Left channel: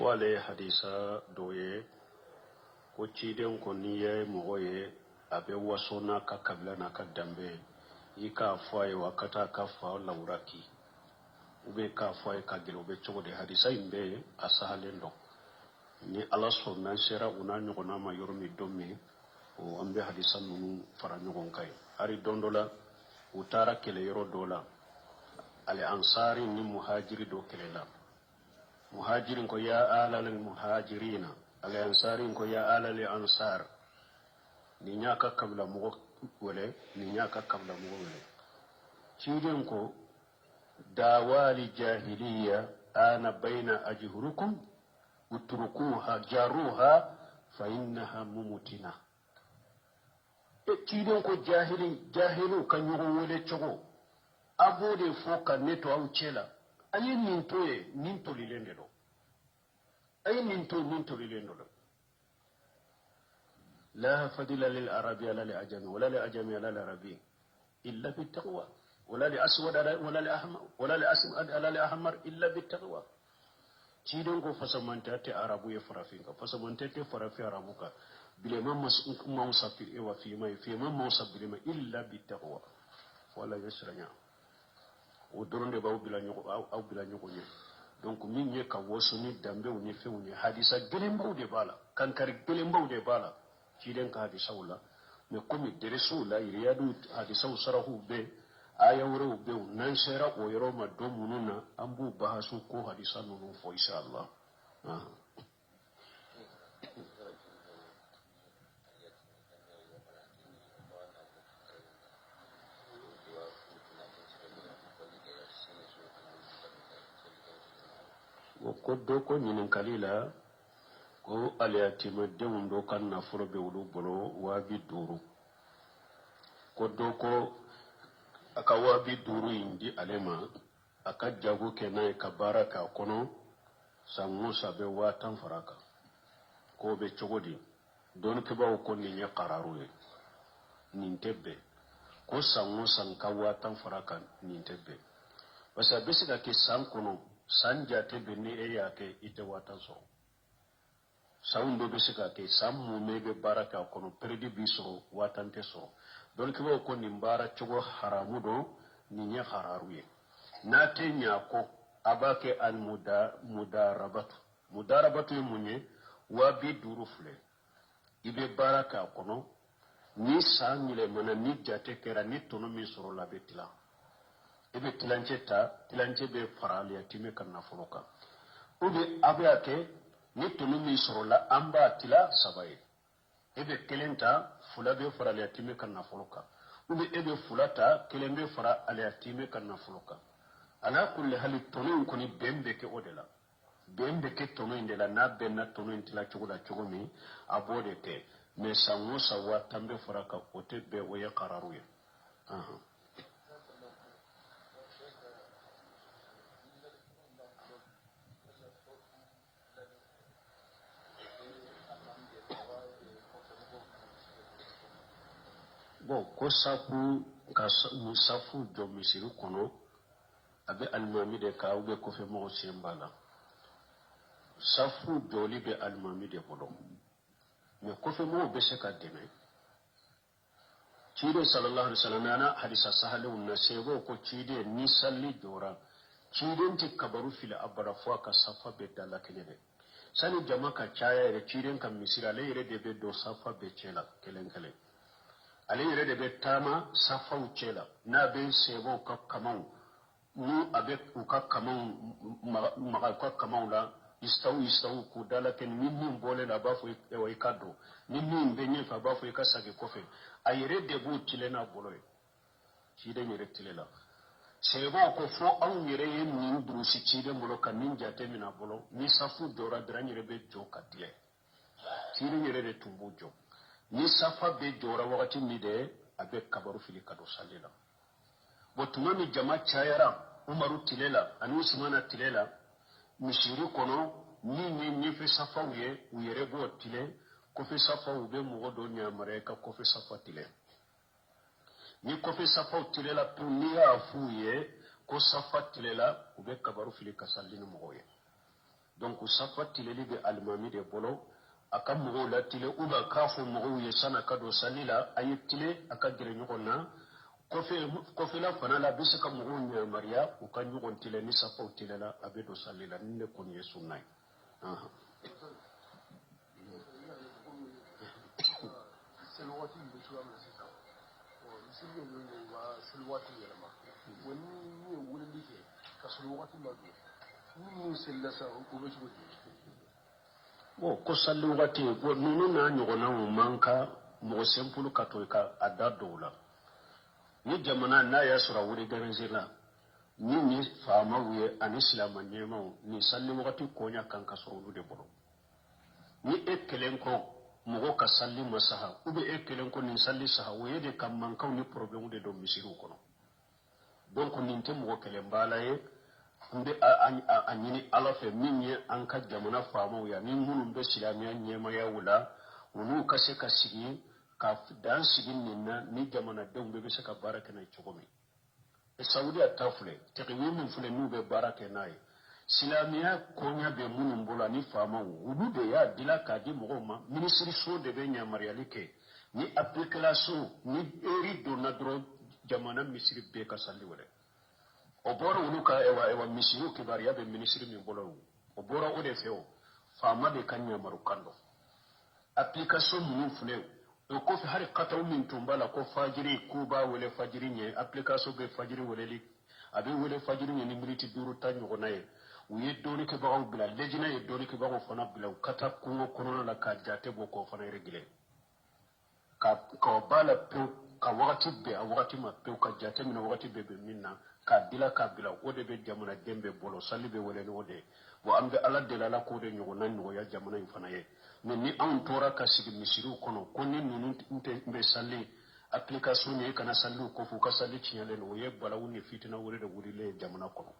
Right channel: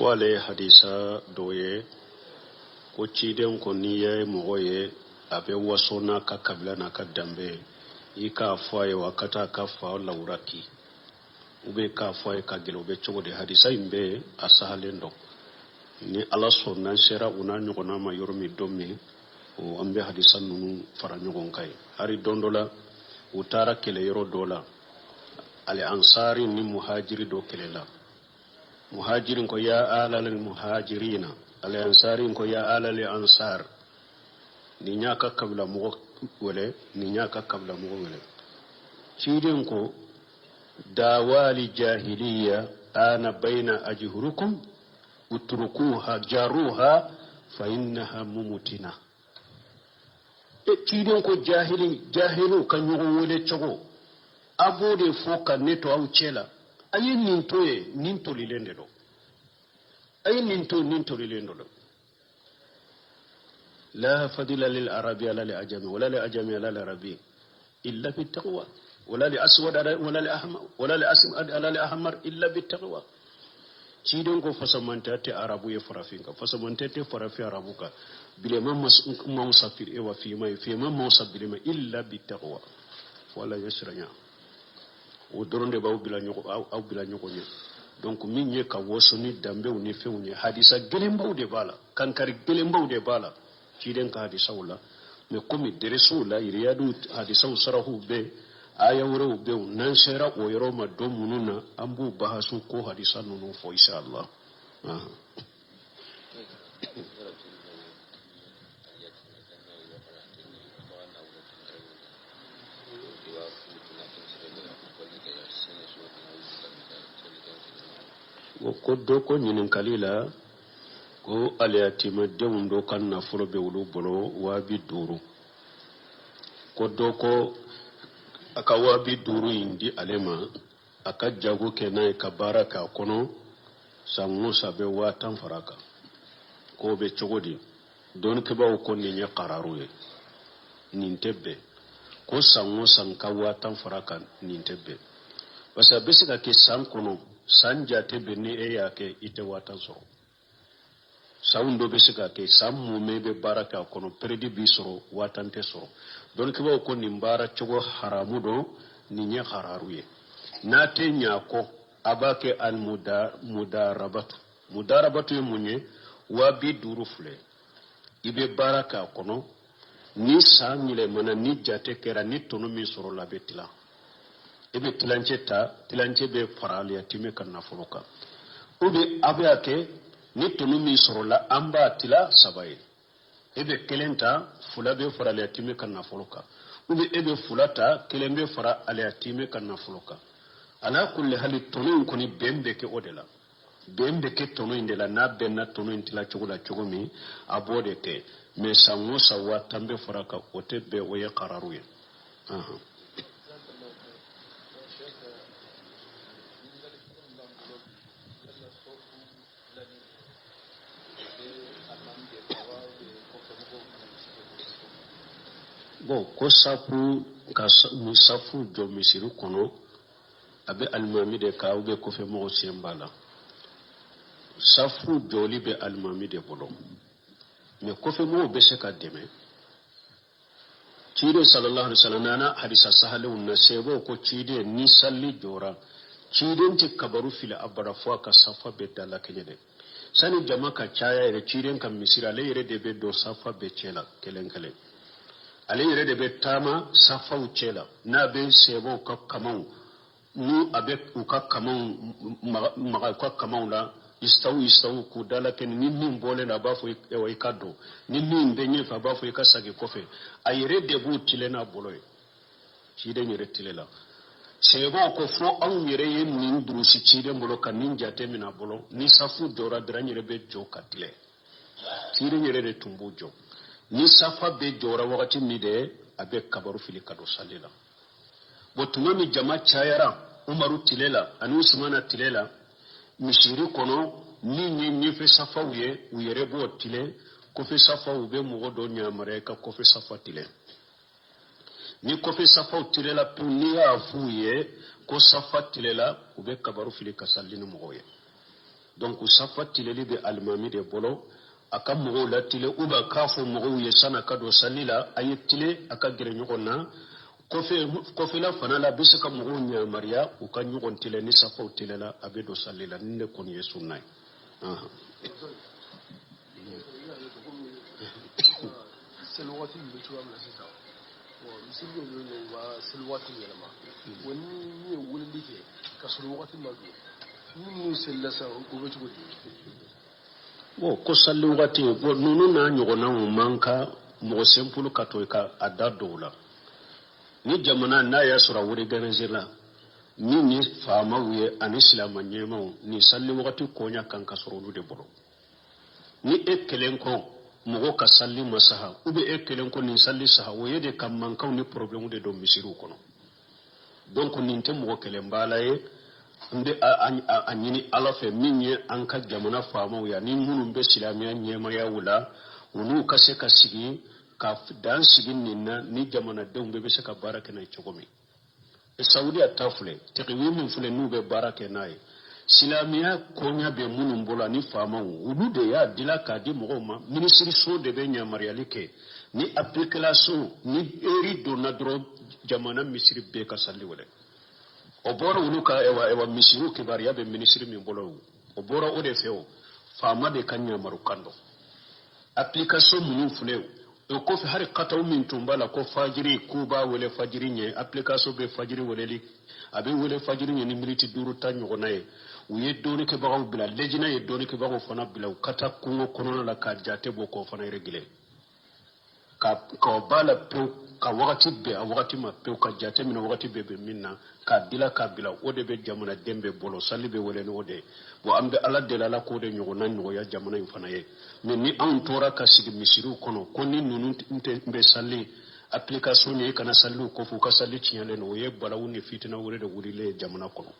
ko ale hadisa doye ko ciden ko niye mogoye abe wasona ka kabila na ka dambe i ka faye wakata ka fa lauraki ube ka faye ka gelo be chogo de hadisa imbe asahalendo ni ala sonna sera una nyogona ma yormi domi o ambe hadisa nunu fara nyogon kai hari dondola utara kele yoro dola ali ansari ni muhajiri do kelela muhajirin ko ya alal muhajirina ali ansari ko ya alal ansar ni nyaka kabla mo wala ni nyaka kabla mo wala cidin ko dawali jahiliya ana baina ajhurukum utrukuha jaruha fa innaha mumutina cidin ko jahilu kan yugo wole chogo abode foka neto au chela ayi ninto lilende do ayi ninto lilendo do la fadila lil arabi ala li ajami wala li ajami ala li arabi illa bit taqwa wala li aswad wala li ahmar wala li aswad ala li ahmar illa bit taqwa cidon ko fasamanta te arabu ye farafinka fasamanta te farafi arabuka bile man masafir e wa fi man masabir ma illa bit taqwa wala yasranya o doronde baw bila nyoko aw bila nyoko ni donc min ye ka wosoni dambe ni fewni hadisa gelembaw de bala kankari gelembaw de bala ciden ka hadisa wala me komi dereso la iriyadu hadisa sarahu be aya wuro be nan sera o yoro ma do mununa ambu bahasu ko hadisa nunu fo inshallah ko do ko nyinin kalila ko aliyatima dewundo kan na furo be wulu bolo wabi duru ko do ko aka wabi duru indi alema aka jago kenai ka baraka kono sangu sabe watan faraka ko be chogodi don ke bawo ko ni nya qararu ye nintebe ko sangu sanka watan faraka nintebe basa besika ke san kono sanja tebe ni eyake ite watan so saundo besika ke sammu mebe baraka kono predi bisoro watan te so don ke bawo ko ni mbara chogo haramu do ni nya hararuye na te nya ko abake al mudarabatu munye wabi duru fule ibe baraka kono ni sangile mana ni jate kera ni tono mi soro la betila ebe tilanche be farali atime kan nafoloka ube abe ake ni tono mi soro la amba tila sabaye ebe kelenta fula be farali atime kan nafoloka ube ebe fulata kelembe fara ali atime kan nafoloka ala kulli hali tono ko ni bembe ke odela bembe ke tono indela na benna tono intila chogola chogomi abode te me sango sawa tambe faraka otebe oye qararuye bon ko safu ka musafu jo misiru kono abe almami de ka ube ko fe mo sembala safu joli be almami de bolo me ko fe mo be se ka deme cide sallallahu alaihi wasallam nana hadisa sahalu na sebo ko cide ni salli jora cide ti kabaru fil abara fo ka safa be dalla kenyede sani jamaka chaya ire cide kan misira le ire de be do safa be chela kelenkele ale ire de be tama safa u chela na be sebo ka kamau nu abe ka kamau maga ka kamau la istawu ku dala ken ninni mbole na bafo e way kaddo ninni mbenye fa bafo e kasage kofe ayire de bu tilena boloy ci de nyere tilela sebo ko fo an yere yen nin durusi ci de mbolo kan ninja temina bolo ni safu dora dra nyere be joka tile ci de nyere de tumbujo ni safa be dora wakati mi de abe kabaru fili kado salela botuma mi jama chayara umaru tilela anu usmana tilela mishiri kono ni fe safa uye uyere bo tile ko fe safa ube mo do nyamare ka ko fe safa tile ni ko fe safa tile la puni afuye ko safa tile la ube kabaru fili kasallini mo ye donc safa tileli be almami de bolo aka mogo la tile uba kafo mogo ye sana kado salila ayetile aka gere nyogona kofe la fana la bisa ka mogo nya maria u ka nyogon tile ni safa tile la abedo salila ne kon yesu nay selwati mbetuwa mnasisa misigo yone wa selwati yelama wani ne wulli ke ka selwati mago ni sellasa ubetugo ko salli wati bo nunu na nyogona mu manka mo sempulu kato ka adadola ni jamana na ya sura wuri ganazira ni fama wuye an islama nyema ni salli wati konya kan kasuru de boro ni ekelen ko mogo ka salli masaha ube ekelen ko ni salli saha woye de kam manka ni problème de do misiru kono donc ni te mogo kelen balaye nde a ñini ala fe min ye an ka jamana faamaw ya ni minnu be silamiya ɲɛmaya wula olu ka se ka sigi ka dan sigi nin na ni jamanadenw bɛ se ka baara kɛ n'a ye cogo min saudiya ta filɛ tɛkiwi min filɛ n'u bɛ baara kɛ n'a ye silamiya koɲa bɛ minnu bolo ani faamaw olu de y'a dila k'a di mɔgɔw ma minisiriso de bɛ yamaruyali kɛ ni application ni eri donna dɔrɔn jamana misiri bɛɛ ka salli wɛrɛ o bora ulu ka ewa misiru kibariya be ministry min bolo o bora o de feo fama de kanya marukando application mun fule o ko fi har qataw min tumbala ko fajiri kuba wala fajiri nye application be fajiri wala li abe wala fajiri nye ni militi duru tanyo gonaye uye doni ke bawo bila lejina ye doni ke bawo fana bila kata kungo kono la ka jate boko fana regile ka bala pe ka wakati be a wakati ma pe ka jate min wakati be minna ka dila ka bila o de be jamana dembe bolo salli be wele no de bo ambe ala de la ko de nyogo nan no ya jamana in fana ye mais ni an tora ka sigi misiru kono ko ni nunu be salli application ni kana sallu ko fu ka salli tinyale no ye balawu ni fitina wure de wurile jamana kono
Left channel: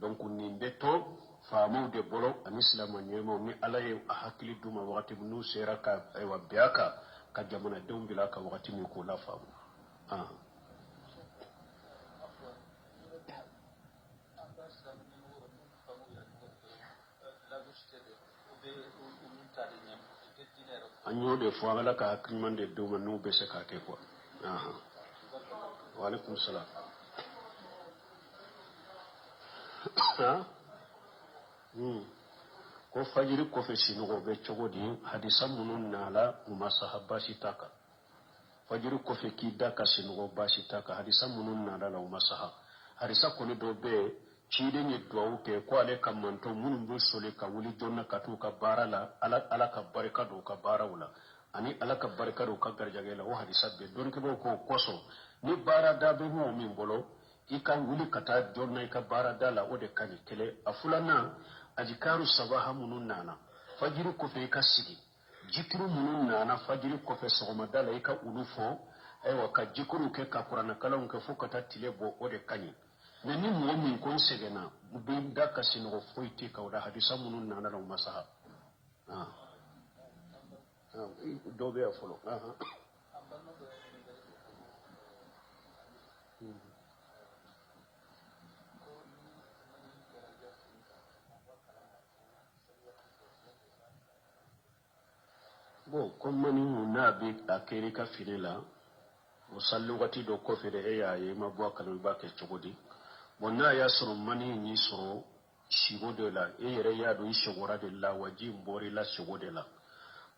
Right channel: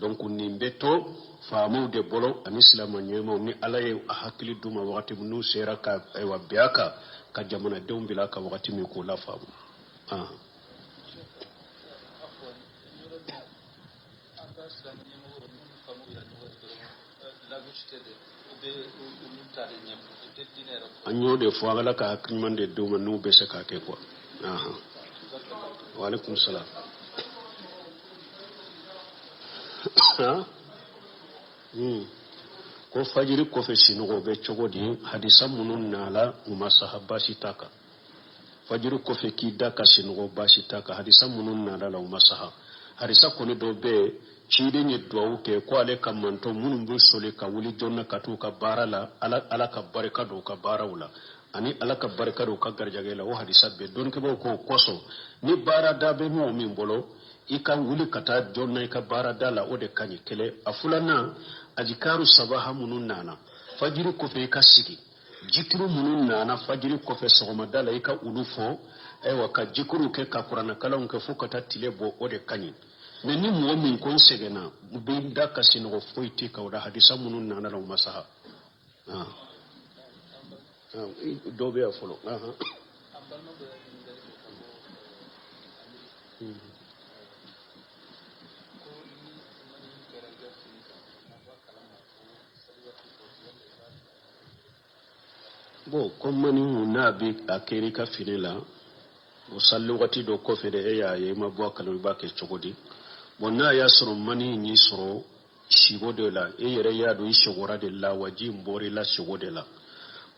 donc ni mbeto faamu de bolo an islam nyemo ni ala ye hakili duma wakati nu sera ka wa biaka ka jamana dew bila ka wakati mi ko la faamu anyo de fo ala ka akrimande de ma no be se ka ke ko wa alaikum salam ko fajiri ko fe sino be chogodi hadisa munun nala umma sahaba sitaka fajiri ko fe kida ka sino ba sitaka hadisa munun nala la umma sahaba hadisa ko ne do be chide nye duwawu ke ko ale ka manto munun bu sole ka wuli jonna ka to ka bara la ala ka baraka do ka bara wala ani ala ka baraka do ka garjage la o hadisa be don ke ko koso ni bara da be mo min bolo ika wuli kata jonna ika bara da la o de kanyi kele afulana ajikaru sabaha munun nana fajiri ko fe ka sigi jitru munun nana fajiri ko fe sogoma dala ika ulufo ewa ka jikuru ke ka qur'ana kala ke fukata tile bo o de kanyi mais ni mo min kon segena be da ka sino foyti ka wada hadisa munun nana la masaha do be afolo bo comme ni na bi akeri ka finila o sallu wati do ko fede e ya ye mabwa kalu ba ke chogodi bonna ya soro mani ni soro shigo de la e yere ya do ishogora de la waji mbori la shigo de la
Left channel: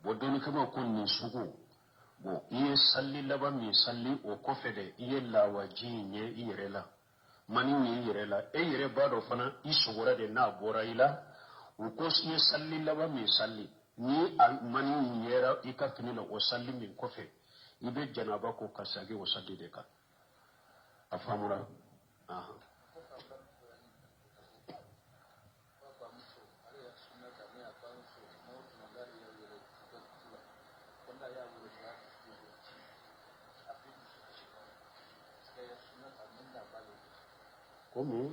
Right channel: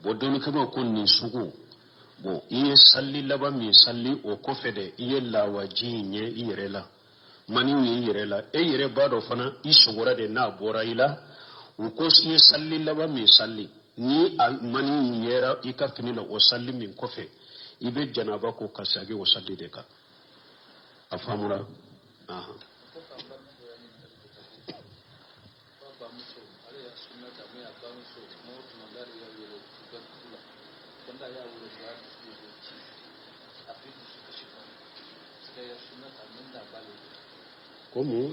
bo doni kama kun ni sugu bo iye salli laba mi salli o ko fede iye la waji nye yere la mani ni yere la e yere ba do fana ishogora de na bora ila o ko iye salli laba mi salli ni mani yera ika finila o salli min kofe ibe janaba ko kasage o salli de ka afamura como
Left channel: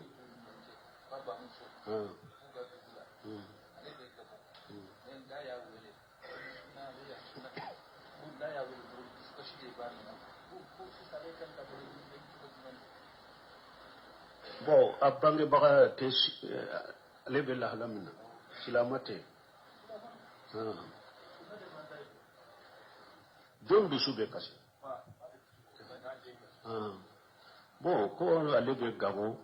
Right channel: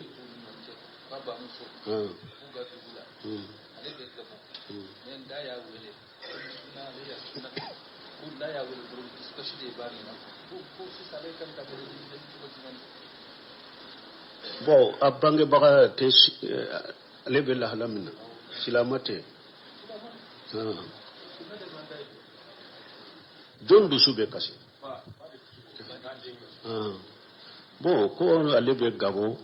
bon abange baga te lebe la halamna silamate don dusu be kasi bon ko ale be gabo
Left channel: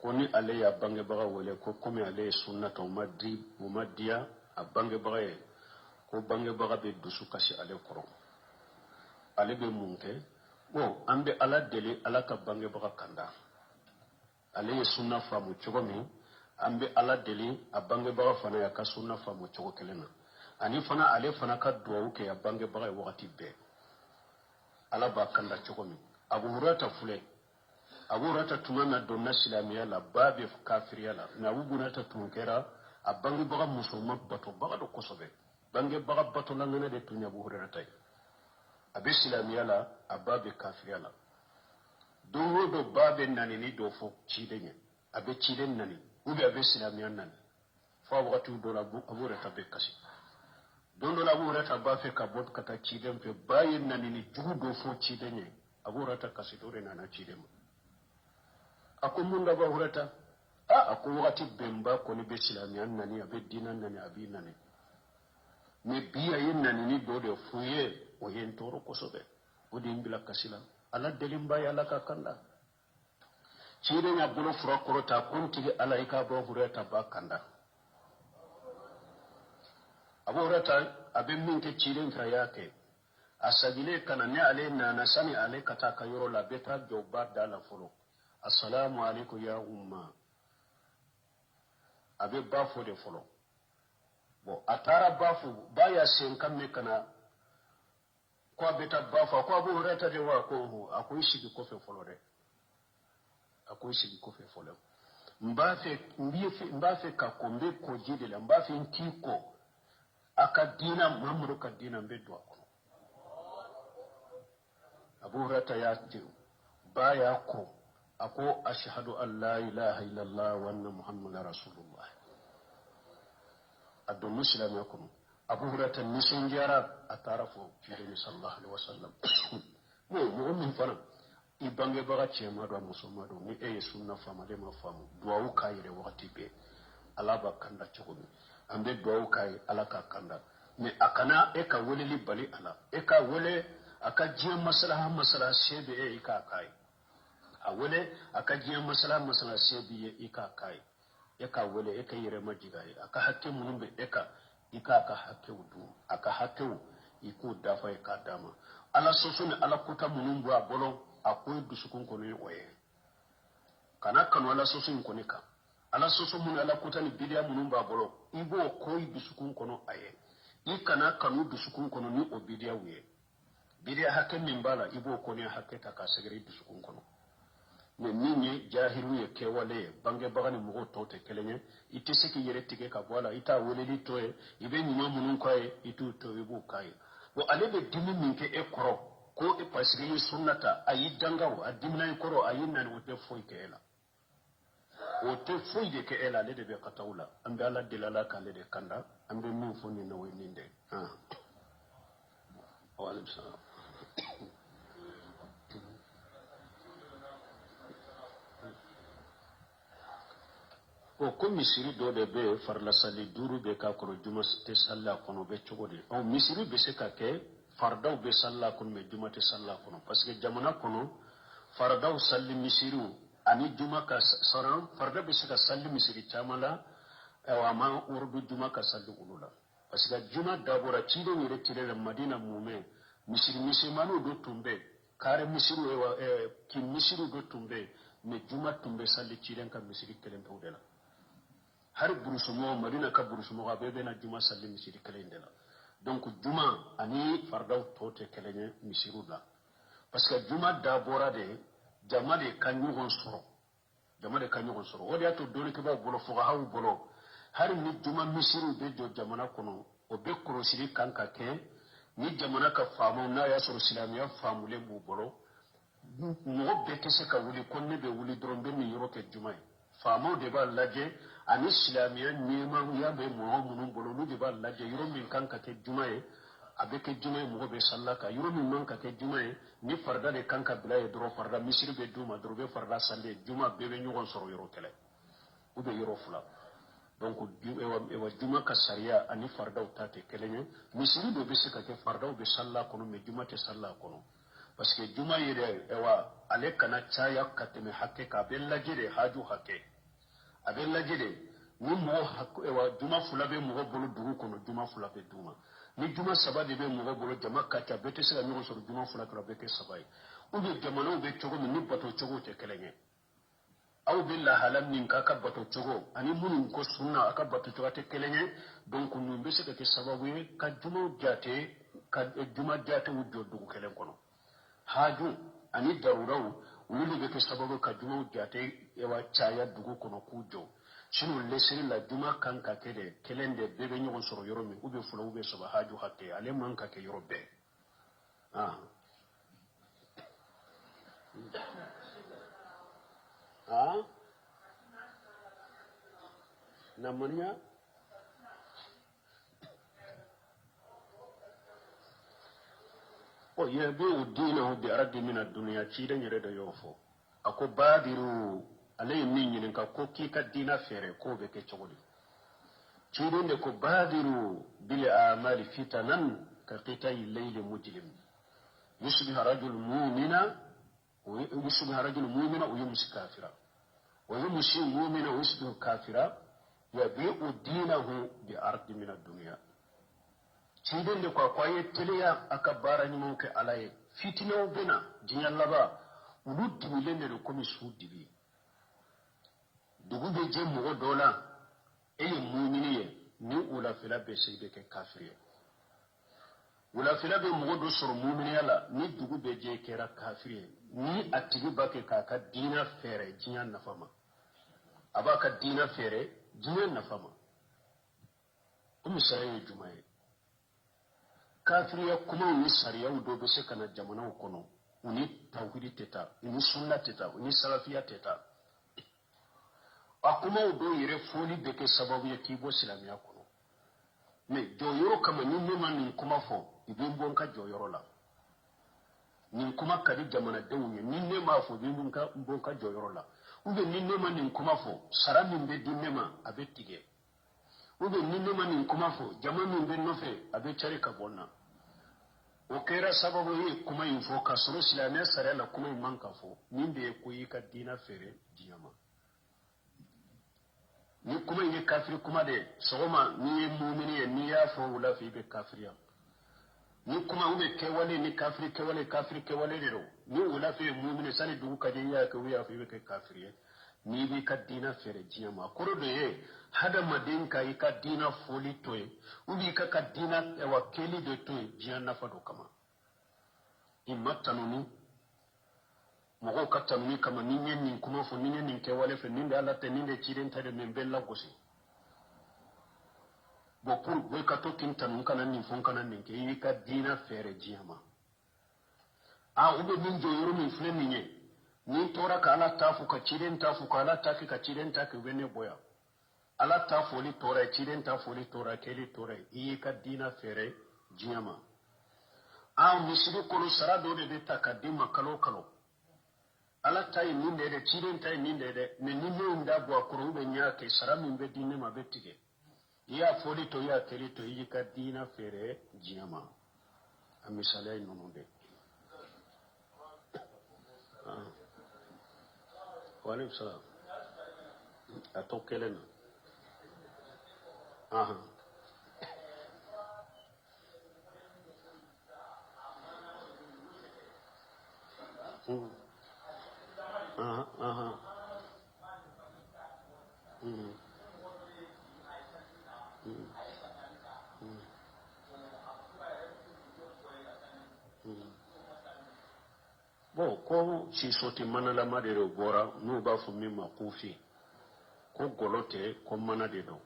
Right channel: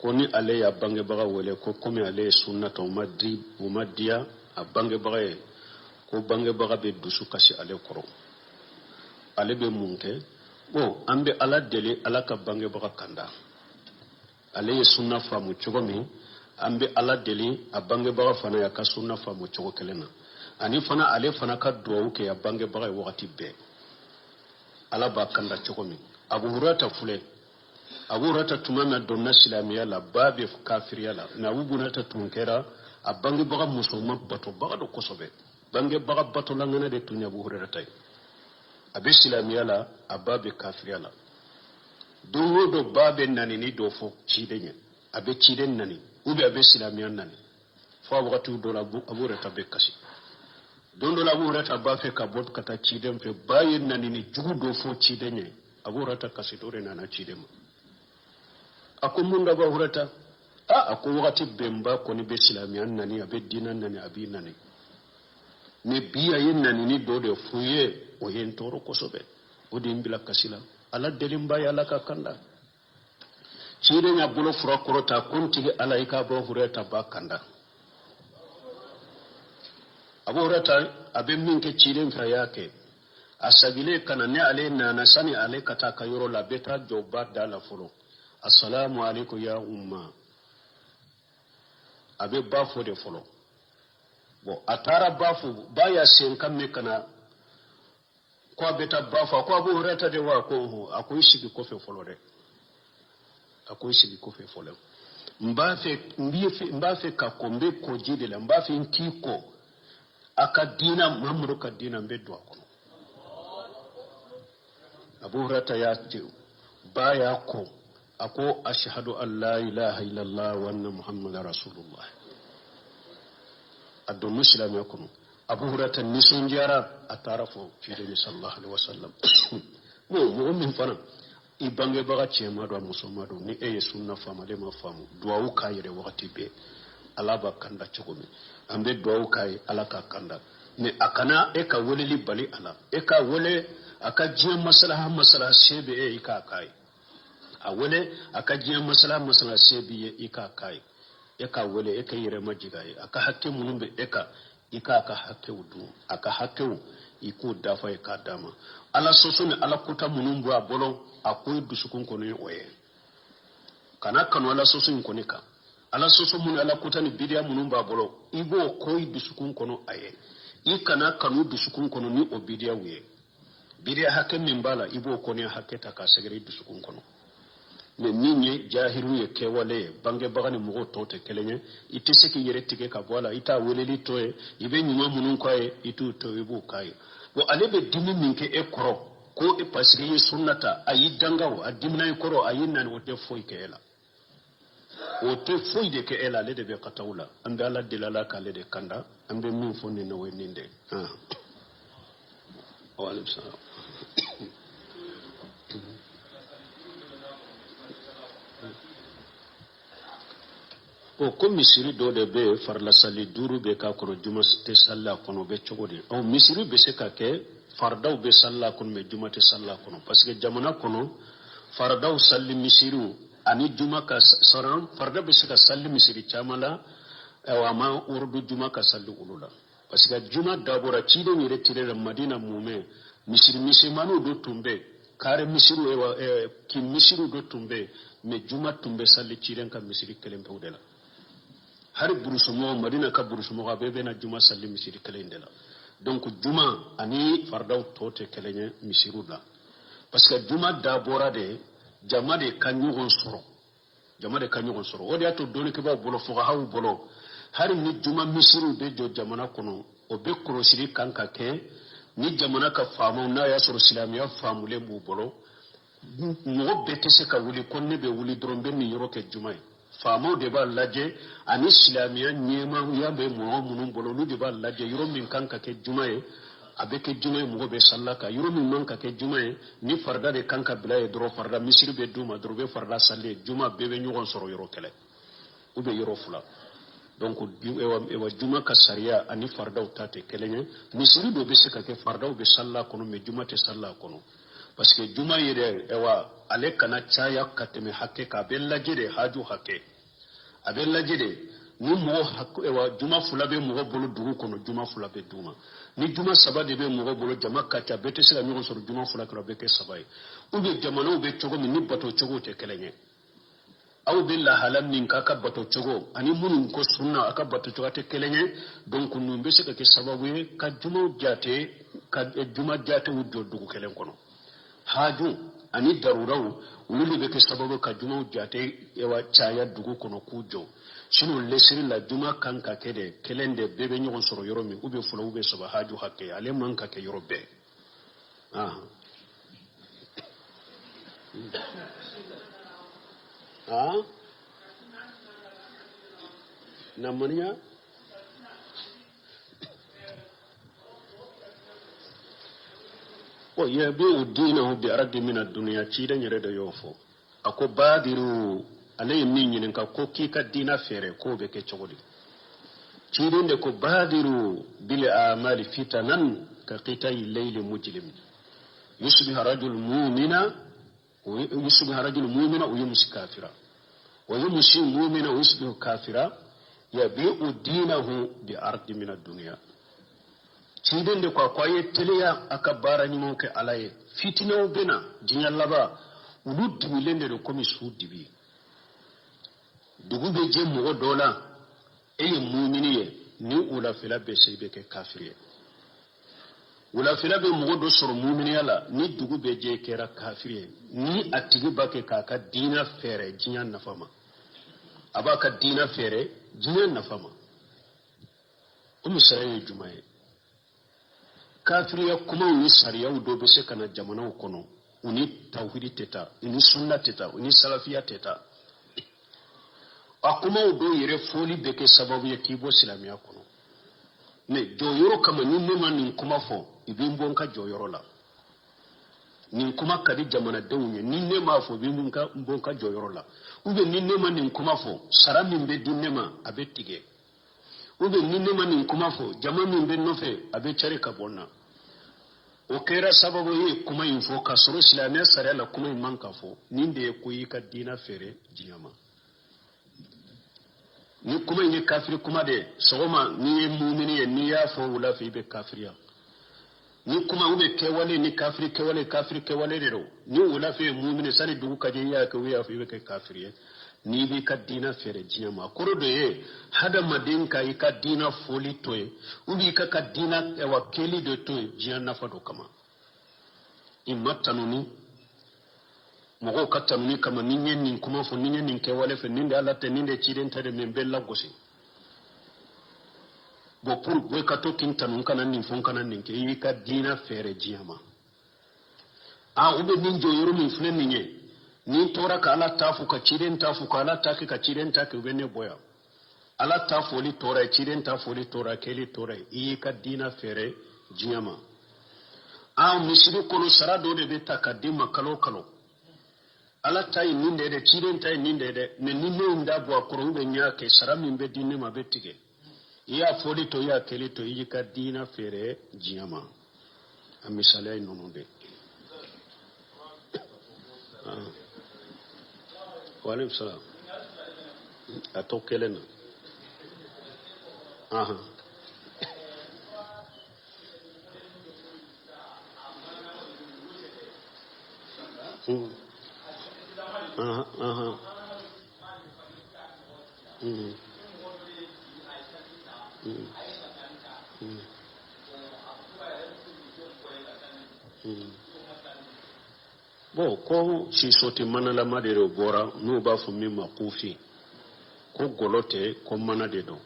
ko ni ale ya bange baga wele ko comme ale sunna to madiya a bange baga ko bange baga be dusu kasi ale koro ale be munke bon ambe ala deli ala ka bange baga kanda ale ye sunna famu chogomi ambe ala deli a bange baga fana ya ka sunna famu chogo kelena ani fana ale fana ka duwa ke ya bange baga wakati be ala ba kanda chogomi abu hurata fule abu hurata tumama donna silamiya la babe kafiriya la na wubunata tunkera a bange baga musulman bato baga do kosobe bange baga bato la ngana de tunya abu hurata abe silamiya la a babe kafiriya la dongo do babe nani ni do fo cidenye abe ciden nani ube abe silamiya nani fo wakati do la abu hurata be kasi dondo la abu hurata ba fe ka bob kata ciden fe bayin nani ni jugu do fo cidenye abu hurata kasi dore nana ciden ako munda ba hurata ako wakati bemba koni be silamiya nani abe dinan nani abi nani ne biya yin nani ni do de fuye o yen toro kosobe o de mbila kasila ala delimba ya ala ka kanda cide nya bulo fura korota kontige ala ika bo hurata ba kanda abu hurata abe minke cide fra yake asagile kana ne ale na sani ale kata ka yoro la beta joba dala folo assalamu alaikum ya umma abe bafo de folo bon atara bafo baya sen kamme kana ko beta bafo ko abu hurata de wa ko akoy sigi ko fe folo de akoy sigi ko fe folo mbafe ka kombe ko jide la mbafe nkiko akadina mamru kadina mbedwa ko abu hurata ya baya ko ako ashhadu an la ilaha illallah wa anna muhammadar rasulullah addo muslim yakunu abu hurata nisun jara atarafo cide sallallahu alaihi wasallam mo min fana ibange baga chema do musomado ni eye sunna fama de ma famu duwa kayire wakati be alaba kanda chogomi ambe duwa kay alaka kanda ne akana eka woleli bali ala eka wole aka jiya maslaha shebe e ika kai a wole aka jiya maslaha shebe e ika kai eka wole eka yire majigaye aka hakke munumbe eka ika aka hakke wudu aka hakke iku dafa e ka dama ala sosone ala kuta munumbu a bolo akoy dusukun kono oye kana kanu ala sosun konika ala soso mun ala kuta ni bidia munumbu a bolo igo koy dusukun kono aye ikana kanu dusukun kono ni obidia wiye bidia hakke mimbala ibo kono hakke ta ka segere dusukun kono me ninye jahiru ye kewale bange bagani mugo tote kelenye itiseki yere tike ka bola ita weleli toye ibe nyuma munun kwaye itu to ibu kai bo alebe dimi minke e koro ko e pasige sunnata ayi dangawo adimna e koro ayi nan wote foy ke ela wote foy de ke ela le de be katawla ambe ala dilala ka le de kanda ambe min fonni no weninde wa alaykum salam o ko misiri do de be farla sali duru be ka ko juma te salla kono be chogodi o misiri be se ka ke fardaw be salla kono be juma te salla kono parce que jamana kono fardaw salli misiru ani juma ka saran farda be se ka salli misiri chamala wa ma urdu juma ka salli ulula parce que juma dabora chide ni retire madina mume misiri manu do tumbe kare misiru ki misiru do tumbe me juma tumbe salli chiden ka misiri kelem pawdela har burusumo madina ka burusumo ga bebe na juma salli misiri kelendela donc juma ani fardaw tote kelenye misiru la parce que juma da bora de jama de kanyugon soro odi ato doni ke ba bolo fo hawu bolo har ni juma misiru be jo jamana kono o be korosiri kanka ke ni jamana ka faamu na ya soro silamiya faamule mu bolo mo bete se ka wuli konne be wuli drombe ni yoro ke juma faamu de ba laje ani silamiya nyema ya be mo munun bolo nu de ba laje yoro min kanka ke juma abeke juma mo be sallaka yoro min manka ke juma ni farda de kanka bilaye dro farda misir be duma drobe farda salle juma bebe nyugon soro yoro kele ube yoro fula donc ewa juma ka sariya ani fardaw tate kelenye misiri do be se ka ke fardaw be salla kono me juma te salla kono parce que juma yede ewa ale kana chaya kateme hakke ka bella jede haju hakke abella jede ni mo hakku ewa juma fula be mo bolo dugu kono juma fula be duma ni juma saba de be mo bolo jama kacha bete sila mi so juma fula ko be ke sabai ube jamano be chogo mi ni bato chogo te kelenye aw billa halam nin ka bato chogo ani munun ko sunna aka bato chogo te kelenye donc nu be se ke sababu ka juma jate ka juma jate wuddo dugu kelen kono haju ani daruraw wulu be ke sababu ka juma jate ewa chaya dugu kono kujo sino lesiri la juma kan ka kede kelende bebe nyogon soro yoro mi ube fula ube saba haju hakke ale man ka ke yoro be namanya o yabi dinahu bi ardi min ad-dunya cidan yare da yofo ako badiru alay min yin ka ko ki ka dina fere ko be ke chogodi cidan de ko badiru bil amali fitanan ka qitay layl mujlim yusbihu rajul mu'mina wa yumsi kafira wa yumsi mu'mina wa yusbihu kafira yabi'u dinahu bi ardi min ad-dunya cinden de kwa kwaye teleya aka bara ni monke alaye fitina bena jinyallaba ulu dimilende de komi su dibi dugu be je mo dola e mu'miniye ni ula fila be seybe ke kafiriye ula fila be mo do sor mu'miniya la ni dugu be je kera kafiriye ni atigi bake kaka dina fere jinya nafama abaka dina fere jinya nafama umisaraye jumaye kafiriya kuma ni sariya do be se kana jamana kono uni tawhidi teta uni sunna teta uni salafiya teta akuma do yere foli be ke sababu ya kibo islamiya kono me do yoro kama ni nema ni kuma fo ibimbo nka joyoro la ni kuma kadi jamana dawunye ni nema fo bimbo nka mbonka joyoro la ube ni nema ni kuma fo sarami mbe dinema abetige ube ni nema ni kuma fo jama min be nofe abe chare ka bonna o kera sababu yi kuma info ka soro islamiya sare la kuma man ka fo ninde ko yi ka dina fere jiyama ni kuma yi kafiri kuma de sogoma ni mu'mini ni ya fo wala fi be kafiriya ni kuma ube kewale ni kafiri kewale de ni wala fi mu'mini sani dugu ka je ya ka wiya fi be kafiriya ni bi ka dina fere jiyama koro do ye hada madin ka yi ka dina foli toye ubi ka dina ewa keli de toye jiyan nafa do kama imma tanuni mogo ka tanuni kama ninye nin kuma fo ninye nin ke wale fe ninde alate ninde chiden tade men bella gosi bo pour boy ka to kin tanun kana nin fon kana nin ke yi ka dina fere jiyama ube nin jo yoro min fune ninye ni tora ka ala tafu ka chiden tafu ka ala taki ka chiden taki ubene boya ala tafu li tora chiden tafu li tora keli tora iyi ka dina fere jiyama misiri kono sara do de beta ka dima kalo ala tayi ninde de chiden tayi ninde de ne ninde nda bo akoro ube nya ke sara min be dinne ma betige iya foli to ya keli to iyi ka dina fere jiyama amisale nononde Walaikum salam. Atau kelena. Aha. Aha. Bo ko si soti manala madero bora no ba fu mi makufi ko golote ko manade do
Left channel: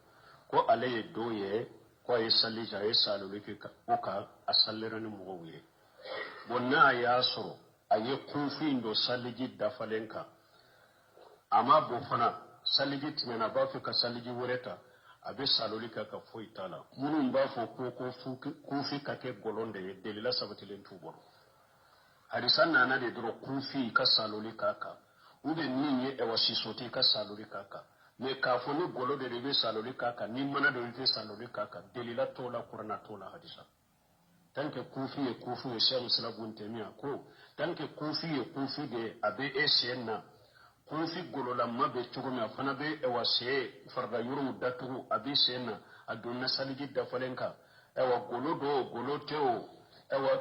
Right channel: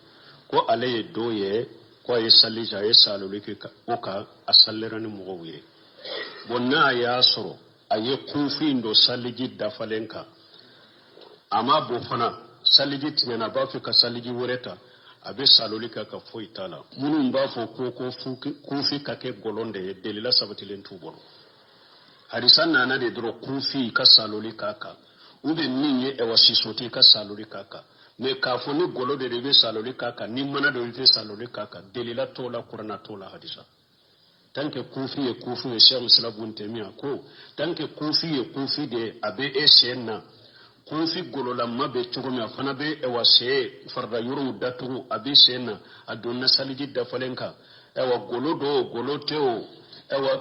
ko alaye doye ko ay salija ay salulike ka oka asallerani mugowe bonna ya soro aye kufi ndo saliji dafalenka ama bo fana saliji tinyana ba fi ka saliji wureta abe salulika ka foitala munun ba fo ko kufi ka ke golonde delila sabatilen tubolo hadisan na de dro kufi ka saloli kaka ube ninye e wasisoti ka saloli kaka me ka fo ni golo de be saloli kaka ni mana do be saloli kaka delila tola qur'ana tola hadisa tanke kufi ye Sheikh Islam Ibn Taymiyyah ko tanke kufi de abe esenna kufi golo la mabe chugumi afana be ewase farda yuru datu abi senna adonna saliji da falenka ewa golo teo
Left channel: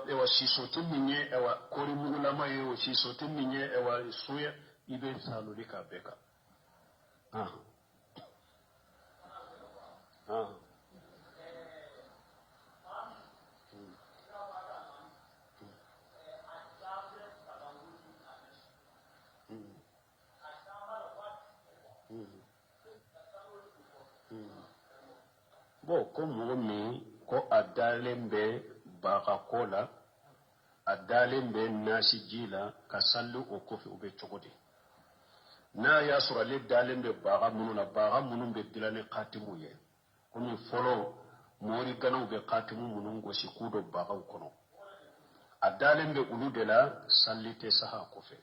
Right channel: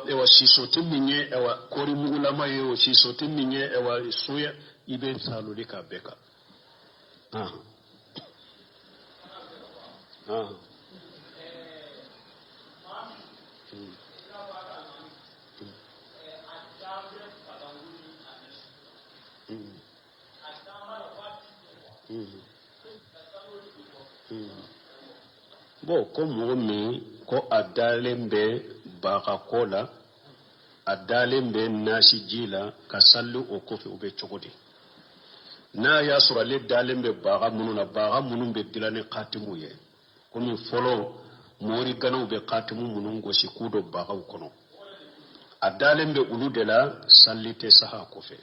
ewa sisoti minye ewa kori mugula mayo sisoti minye ewa suya ibe saloli ka beka bo ko mo mi ko adalembe baka kola adalembe nasi jila kasallu o kofi ube chogodi na ya sura le dalembe baka munun be dilane qatimu ye komi folo mori gano be qatimu munun go sikudo baka kono adalembe uludela sallite saha kofe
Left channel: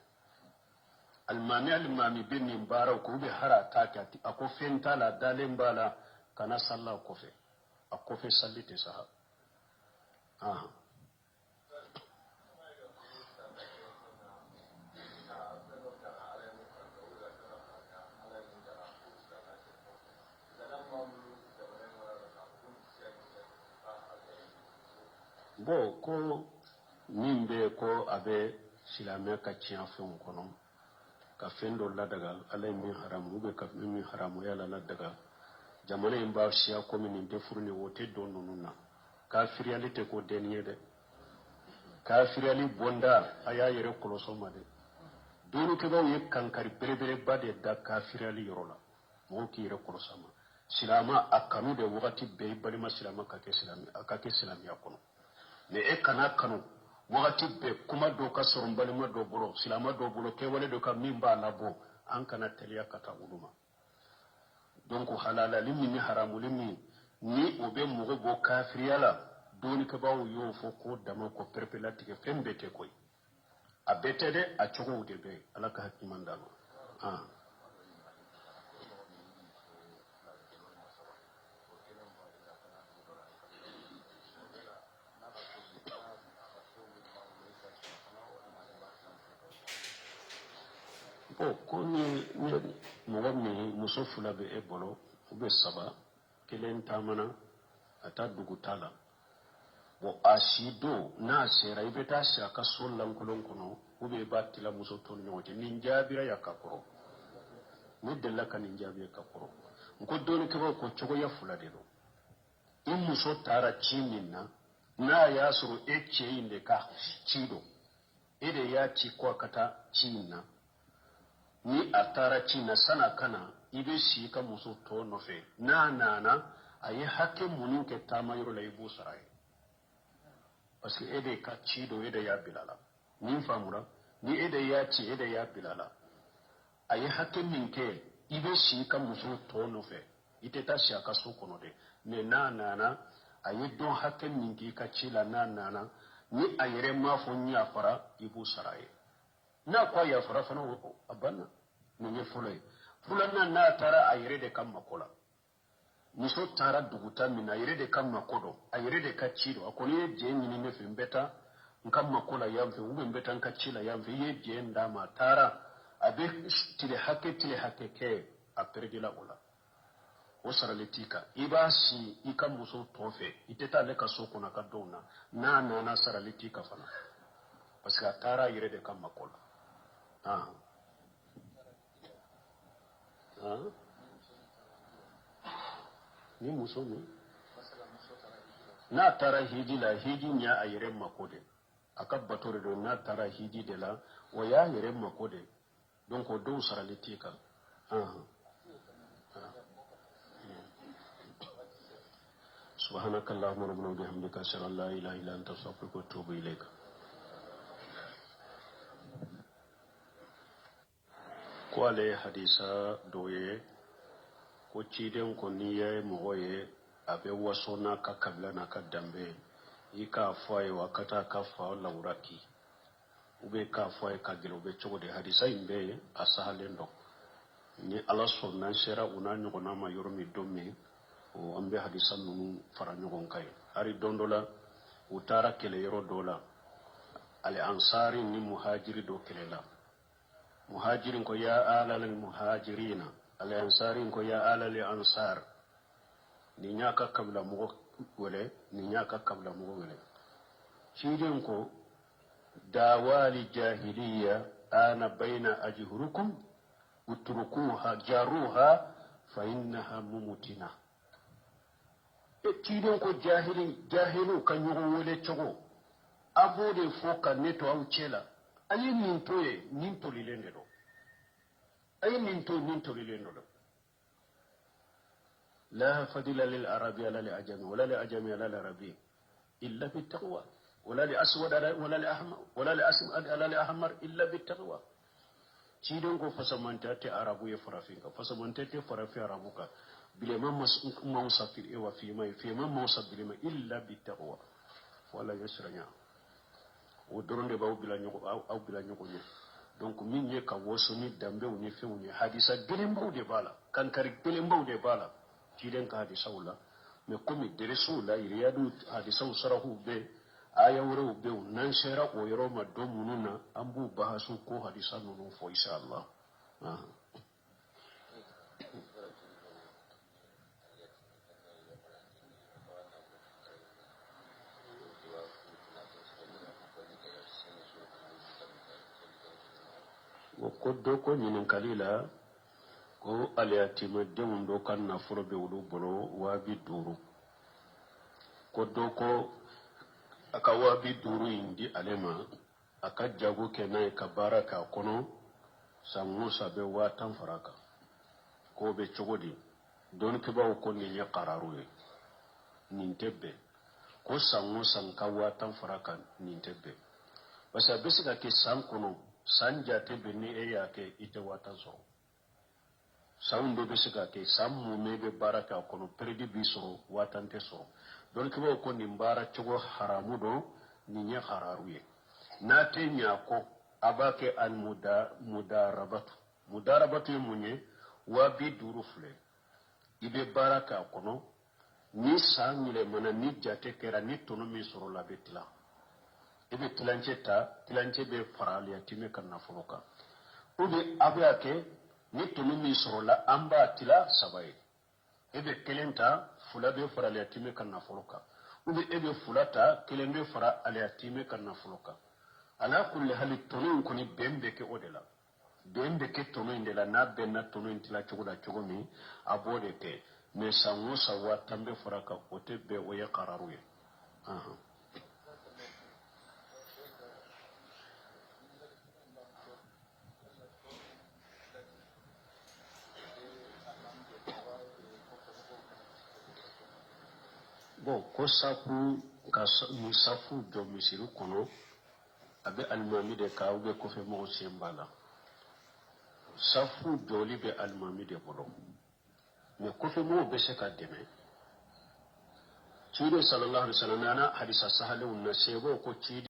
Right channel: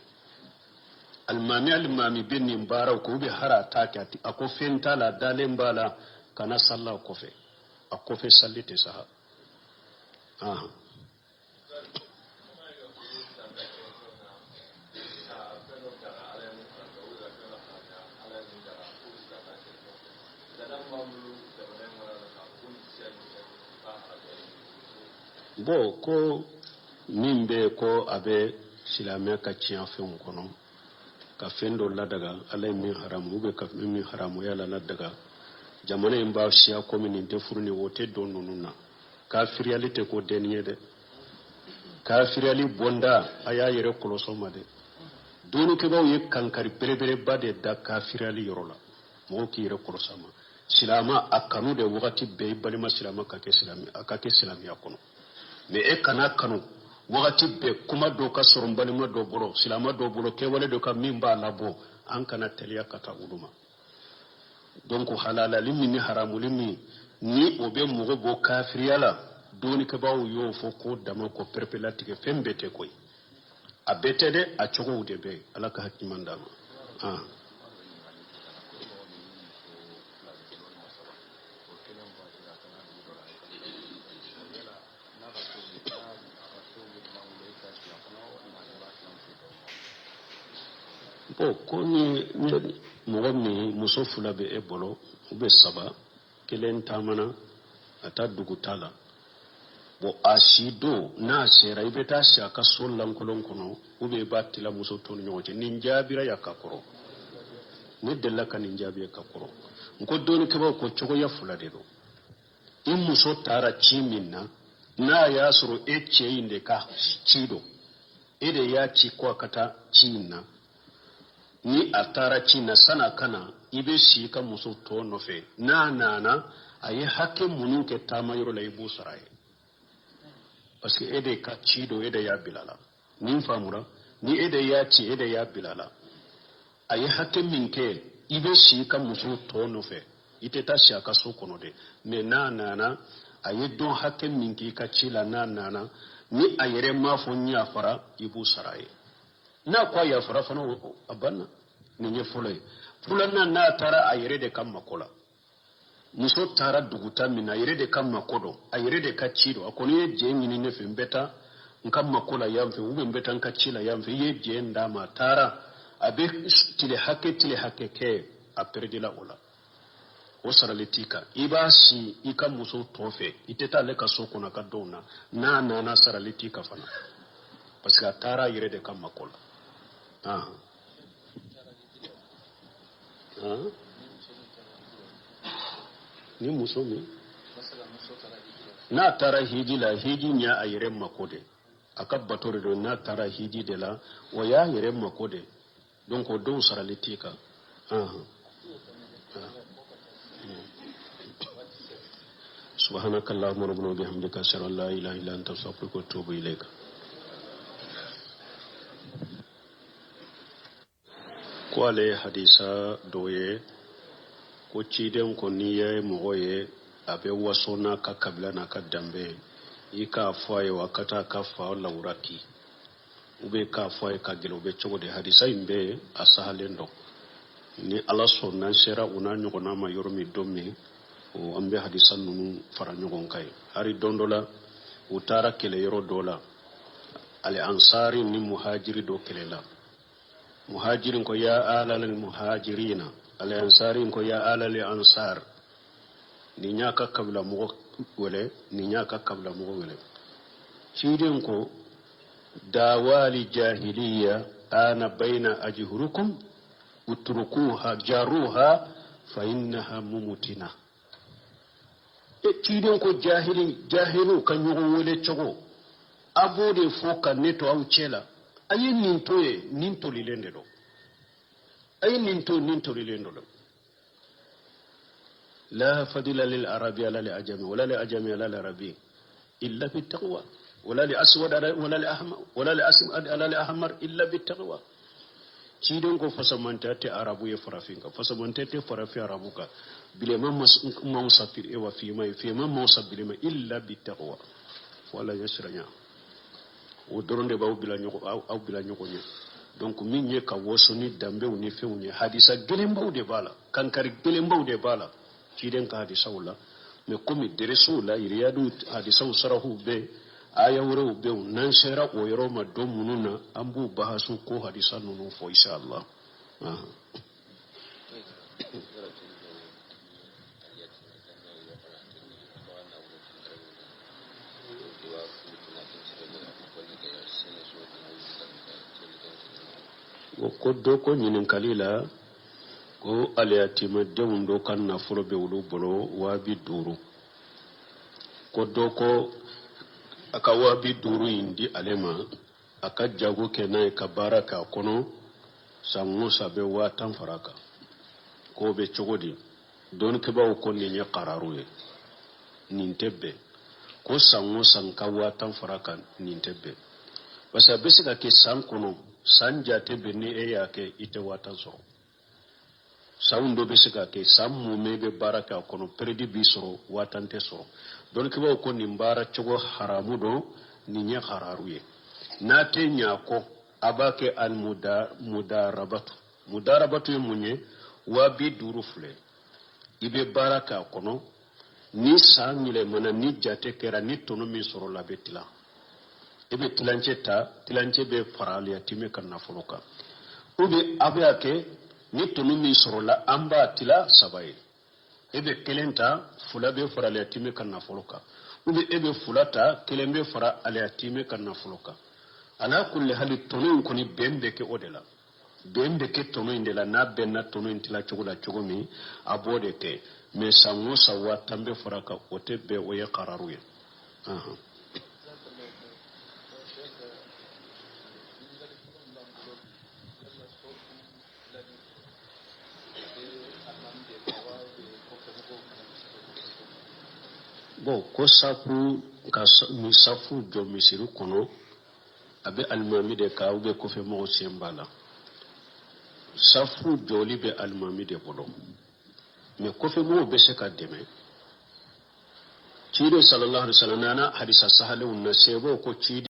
almami binni mbara ko be hara takati ako fenta la dalemba la kana salla kofe akofe sallite saha bo ko nimbe ko abe silame ka tiyan fen kono ka fendo la daga alay min haramu be ka min haramu yala la daga jamana in ba shiya komini te furni wote don nununa kafiriyalite ko deniye de kafiriyali bonda aya yere koloso ma de donu ke baw ye kankari berebere bade da kafiriyali yorola mo ki yere koloso ma silama akanu de wakati be balima silama ka ke silami akono me e kana kanu wakati be kuma do ka soron balima do bolo silama do bolo ke wale do ka mimba labo an kana teliya kata uduma donc halala limi ni haramu limi ni obe mugo bo kafiriyala doni ke bawo yo fo ko dama ko perpelatique fembete koy abete de a chogo de be alaka hakimanda bo ko ni mogo mi muso fula be e bolo ube saba kelen tamana ata dugutala bo asido na sera ibe ta shaka sollan kolon kono ube battila muso ton nyoje ninjabira yakakoro ne della kan ninjabi yakakoro ko doni ke ba ko chogo ya fula de do in muso tara chiminna na ya suru eche inde ka chido ede ya chi ko kata chinna ni atara china sana kana ibe shi ka muso to nofe na ayi hakke munun ke tamayro la ibu sarai parce que ede ka chido ede ya bilala nin famura ni ede ya chi ede ya bilala ayi hakke minke ibe shi ka muso to nofe ite ta shi aka so kono de me na ayi don hakke minki ka chila na ni ayere ma fo nya fara ibu sarai na kwa ya fara fano abanna ninye fulay fulana na tara ayere de kam makola muso tara duguta mina ayere de kam makodo ayere de kachido akoni je nyini ne fembeta nkam makola yamfe ube mbeta nkachila yamfe ye je ndama tara abe tile hake ke aperdila ola osara letika ibasi ikam muso tofe iteta le kasoko na kadona na sara letika fana parce que tara ayere de kam makola ni musomi na tara hiji la hiji nya ayere makode akabbatore do na tara hiji de la waya yere makode donc o do saralitika subhanakallahumma rabbana wa bihamdika ashhadu an la ilaha illa anta astaghfiruka wa atubu ilayka kwale hadisa doye ko ciden ko niye mogoye abe wasona ka kabila na ka dambe ika foye wakata ka fa lauraki ube ka foye ka gelo be chogo de hadisa imbe asahalendo ni ala sonna sera una nyogona ma yoromi domme o ambe hadisan nunu fara nyogon kai hari dondola utara kele yoro dola al ansari ni muhajiri do kelela muhajirin ko ya ala lil muhajirina al ansari ko ya ala lil ansar ni nyaka kabla mo wele ni nyaka kabla mo wele cidin ko dawali jahiliya ana baina ajhurukum utrukuha jaruha fa innaha mumutina cidin ko jahilu kan yugo wele chogo abode foka neto au chela ayi nintoye ninto lilende do ayi ninto lilende do la fadila lil arabi ala li ajami wala li ajami ala li arabi illa bit taqwa wala li aswad wala li ahmar wala li aswad ala li ahmar illa bit taqwa cidon ko fasamanta te arabu ya farafinka fasamanta te farafi arabuka bile man safir e wa fi man sabile ma illa bit taqwa wala yasranya o doronde ba ubila nyoko nye donc min nye ka wosoni dambe ni fewni hadisa gelembaw de bala kankari gelembaw de bala ciden ka hadisa wala me komi dereso la iriyadu hadisa usarahu be aya wuro be nan shera o yoro ma do mununa ambu bahasu ko hadisa nunu fo inshallah ko do ko nyinin kalila ko aliyatima dewun do kan na furo be wulu bolo wabi duru ko do ko aka wabi duru indi alema aka jago kenan ka baraka kono sangu sabe watan faraka ko be chogodi don ke bawo ko ni nya qararuye nintebe ko sangu sanka watan faraka nintebe basa besika ke sankono sanja tebe ni eya ke ite watan so saundo besika ke sammu mebe baraka kono predi bisoro watan te so don ke bawo ko ni mbara chogo haramu do ni nya hararuye na te nya ko abake al mudarabatu munye wa bi duru fule ibe baraka kono ni sangile mana ni jate kera ni tono mi soro la betila ebe tilance be farali ya time kan na fuluka ube abake ni tono mi soro la amba tila sabai ebe kelenta fula be farali ya time kan na fuluka ube ebe fulata kelembe fara ali ya time kan na fuluka ala kulli hali tono ko ni bembe ke odela bembe ke tono indela na benna tono intila chugula chugumi abode te me sango sawa tambe faraka ote be oye qararuye bon ko safu ka musafu do misiru kono abe almami de ka ube ko fe mo sembala safu joli be almami de bodo me ko fe mo be se ka deme cire sallallahu alaihi wasallam na hadisa sahalu na sebo ko ci